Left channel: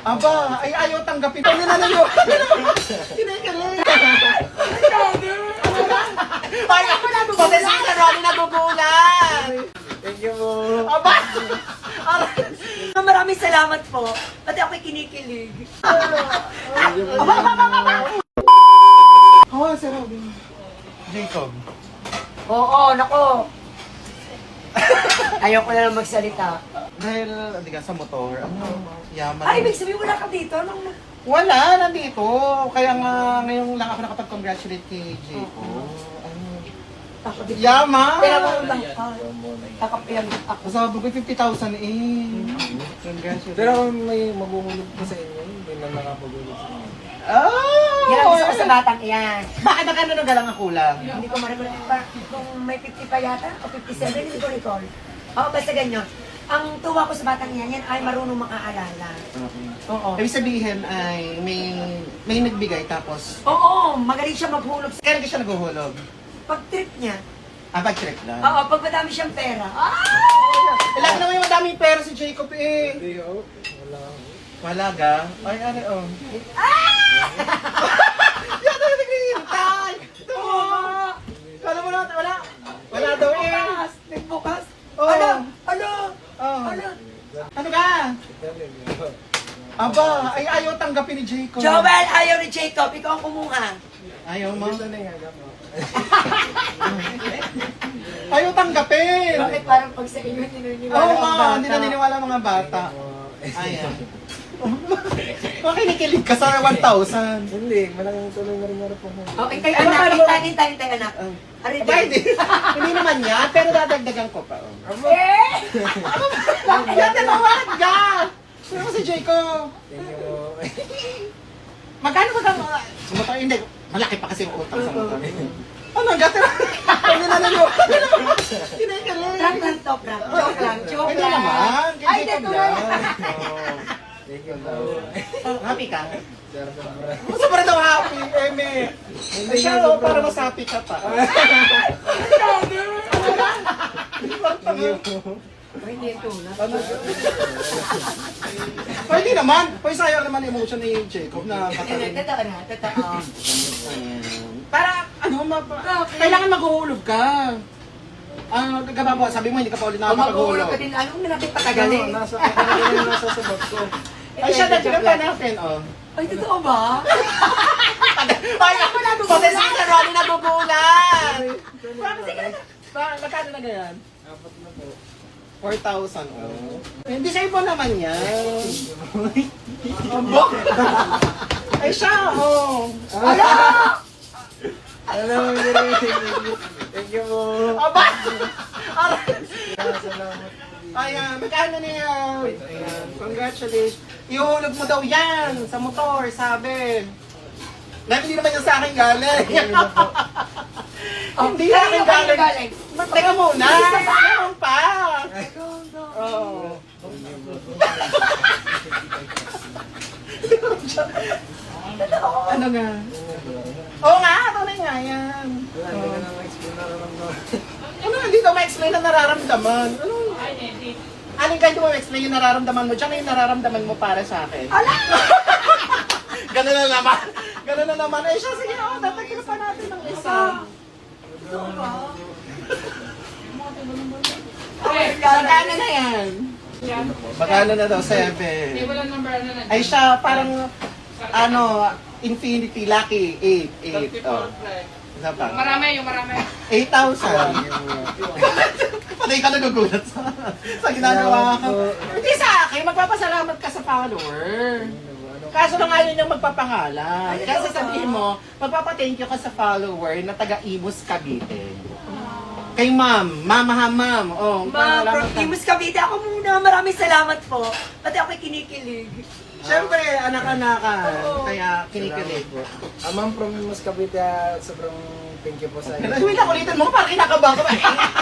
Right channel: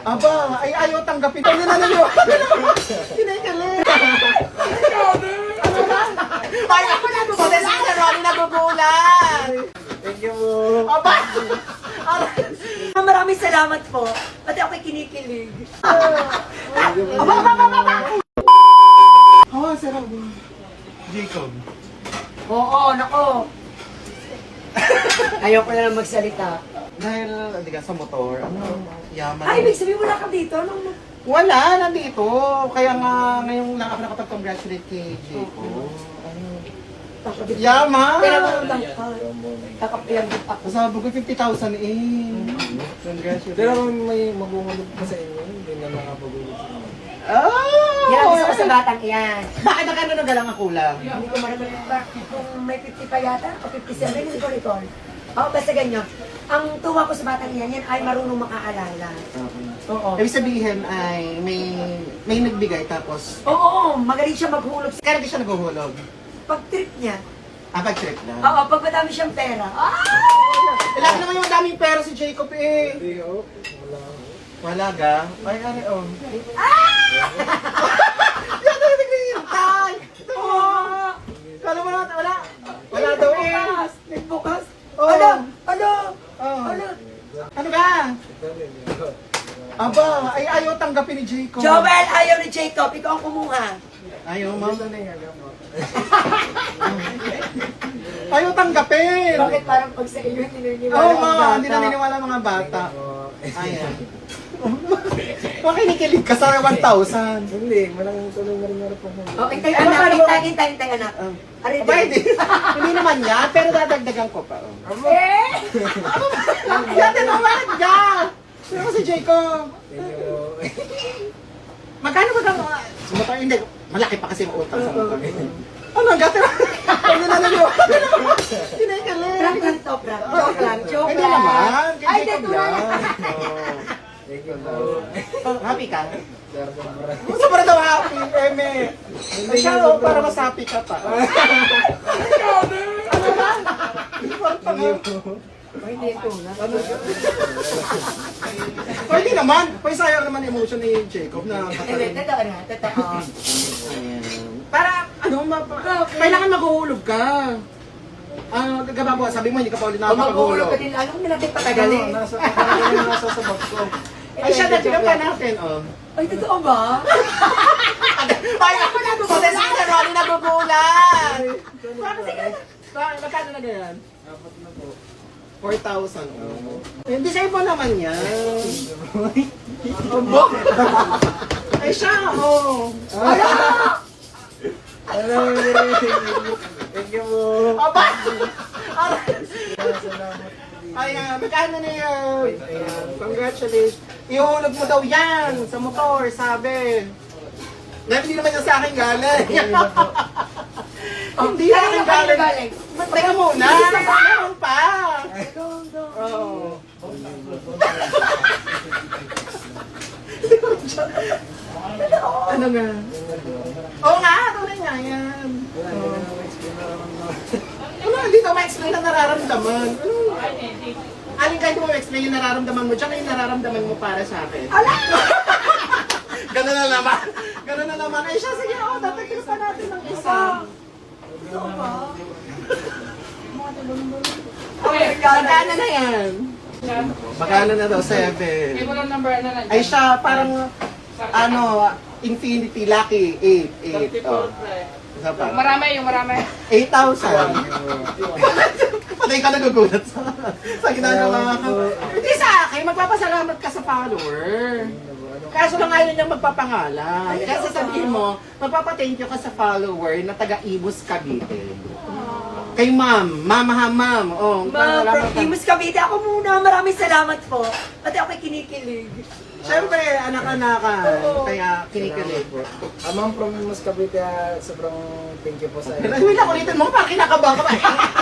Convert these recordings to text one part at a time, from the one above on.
Aba, ay ayaw tanggapin. Ano na ninyo? Kinikilig. Parang ako nabubulan. Marami nabubulan. Thank you. Aba! Maraming salamat po. Pati ako'y kinikilig. Oh, sarap. Jacob. Oo, nako. Ayaw ko na lang magsalita. Dahil, hindi ka sa motor, yaman. Ay, ibig sabihin wala ka dito. Wala, nandito. Kaya nga, ngayong lang ako nakapag-congratulate kay Jacob. Yaman! Kakapiyang ako. Kasama ko 50,000 eh. Congratulations. Pero kung may maguhulog pa sa inyo, hindi na nakapagulog sa inyo. Oh! Yan ang gusto ko sa batang iyan. Bakit magkano na galang ang kulang? Hindi ko marinig pa. Kung may 50 pa yata, o 57, hindi ko recall. Oo, basta ganyan. Ang tuwa ko sa batang iyan, yan ay marunong makaalala. Oo. Ibig sabihin ay may nagbigay tapos Oo, magaling siya maghulog. kaya siya naghuhulog. Pag trip niya, Pag-trip lang. oo, pag madami siyang pera. Alam naman yung madaming pera si Jacob eh. Hindi, oh. Wala. Malaga? Ay, ano oh. Kala mo na, wala. Wala daw eh. Nagbukas. Oo. Ano? Oh. Ano? Ano ka? Aba, ay ayaw tanggapin ni Jacob. Joel, ayaw ni Jacob. Ikaw ang kumuha. Ayaw mo. Ito na yung hagap mo. Ayaw tanggapin. Bakit parang pag sa inyo, hindi naniniwala Oo ang nga, bata? hindi naniniwala ang mga bata. Ayan. Ayan. Makinikilig ka sa 1,000. Hindi, malaking tuloy na rin meron po. Oh, hintay anak, hintay anak. Aray, Aba, hindi naman yan, pero dadagdagan ko pa. Oh. Eh! Yan, tinawag ka! Ano mo si Jacob? Thank you. Magkano ba ka? Sa motor, hindi. Malaki pa kasi yung utang sa motor. Ano, gati na? Ano na ninyo? Kinikilig. Prank lang to, prank. Joke lang, joke Hindi lang. naman. Kay Ay, Jacob dito lang. lang. Thank you po. Happy ka? Sobra. Gusto pa rin daw happy, Eme. Siya, oh, para mas happy ka pa. Ay, hindi ito na. O, hindi naman. Pwede sayang naman emotion ni Jacob na Hindi, totoo na, totoo. para, ano, kailangan maghuhulog ka. Gagaba sabi mo, hindi ka pa ulit Kung mag-uulog nakapag-hulog. ka din, alam mo na natin patagalin. Nasa sa box ko. Ay, siya, nagpinap pa natin, oh. Ay, totoo ba? Ay, ako nabubulan. Marami nabubulan. Magkano na ganyan? Apat na po. 4,000, oh. Hindi sa'yo po naman yan. Abo! Ay, siya, oh. Hello, thank you po. Aba! Salamat. Ayan, magkano na yan? Ayan, congratulations. Ihulog mo daw yan sa motor, sabi. Dahil hindi naman yung sa akin galing. Hindi na akin galing. Teka muna, meron pa. Oo. Ano nga? Oo nga, tunay nga yan. Wala, hindi ka na explain na naman mo. Ano, hindi daw ma-explain ang nararamdaman. Anong kahit mo ma-explain yung nararamdaman mo, tsaka yung nararamdaman mo para sa akin. Ala! Ganun na naman. Ganun na naman. Eh siya, sige, oh, tatagil pa natin ng isa. Totoo ba? Magkano na yan? Magkano na daw? 7. Hindi ko lang number ano na. Ay siya, parang, infinity, lucky, 8. 34 Oh. fly. Isa pa. Yung marami. 8,000. Patay ka nagugulat sa ginagawa ko. Hindi sa akin, magpapasalamat ka sa follower. Kaso lang ayaw niyang magpapangalan. Kaya sasabihin mo, magpapa-thank you ka sa follower na taga-Imus Cavite. Kay ma'am, ma'am. Oh, Ma'am, from Imus Cavite, ako muna. Maraming salamat po. Pati ako'y kinikilig. Siyempre, anak-anakan. Oo. Kaya kinikilig. Ma'am from Imus Cavite, sobrang thank you po sa Pero inyo. hindi na ulitin mo, parang kinakabahan ka ba?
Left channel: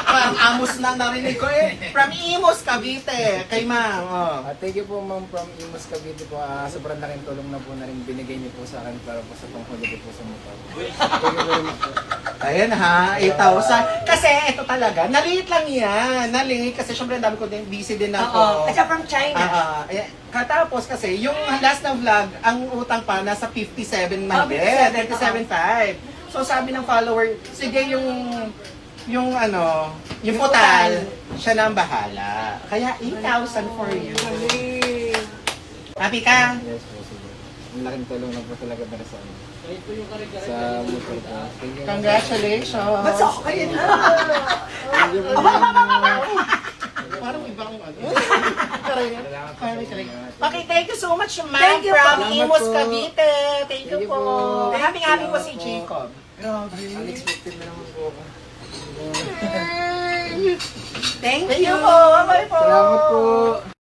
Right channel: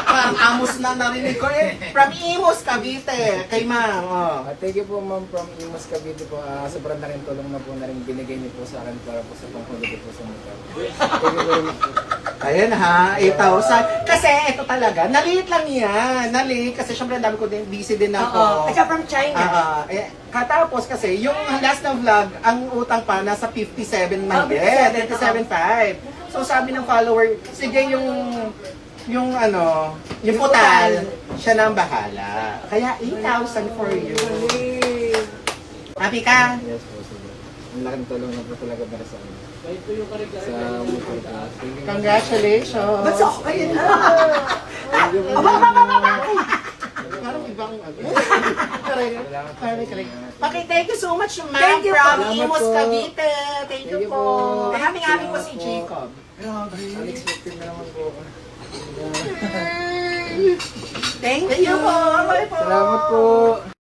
Parang amos na narinig ko eh. From Imus Cavite, kay ma'am. Oh. Thank you po ma'am from Imus Cavite po. Sobrang laking tulong na po na rin binigay niyo po sa akin para po sa panghuli ko po sa motor. Thank you very much po. Ayan ha, 8,000. Kasi ito talaga, naliit lang yan. Naliit kasi syempre dami ko din, busy din ako. Oo. At saka from China. Katapos kasi, yung last na vlog, ang utang pa nasa 57 Oh, 57, 57.5. So sabi ng follower, sige yung putal, siya na ang bahala. Kaya 8,000 for you. Happy ka? Yes po, sobra. Ang laking tulong na po talaga para sa amin. Sa motor ko. Thank you. Congratulations! Ba't ako kayo na? Parang ibang Salamat po. Okay, thank you so much, ma'am, Thank you from po. Imus, Salamat po. Cavite. Thank you Thank you po. po. Happy po si Jacob. Unexpected na naman po ako. Thank Thank you you. po. Bye po. Salamat po.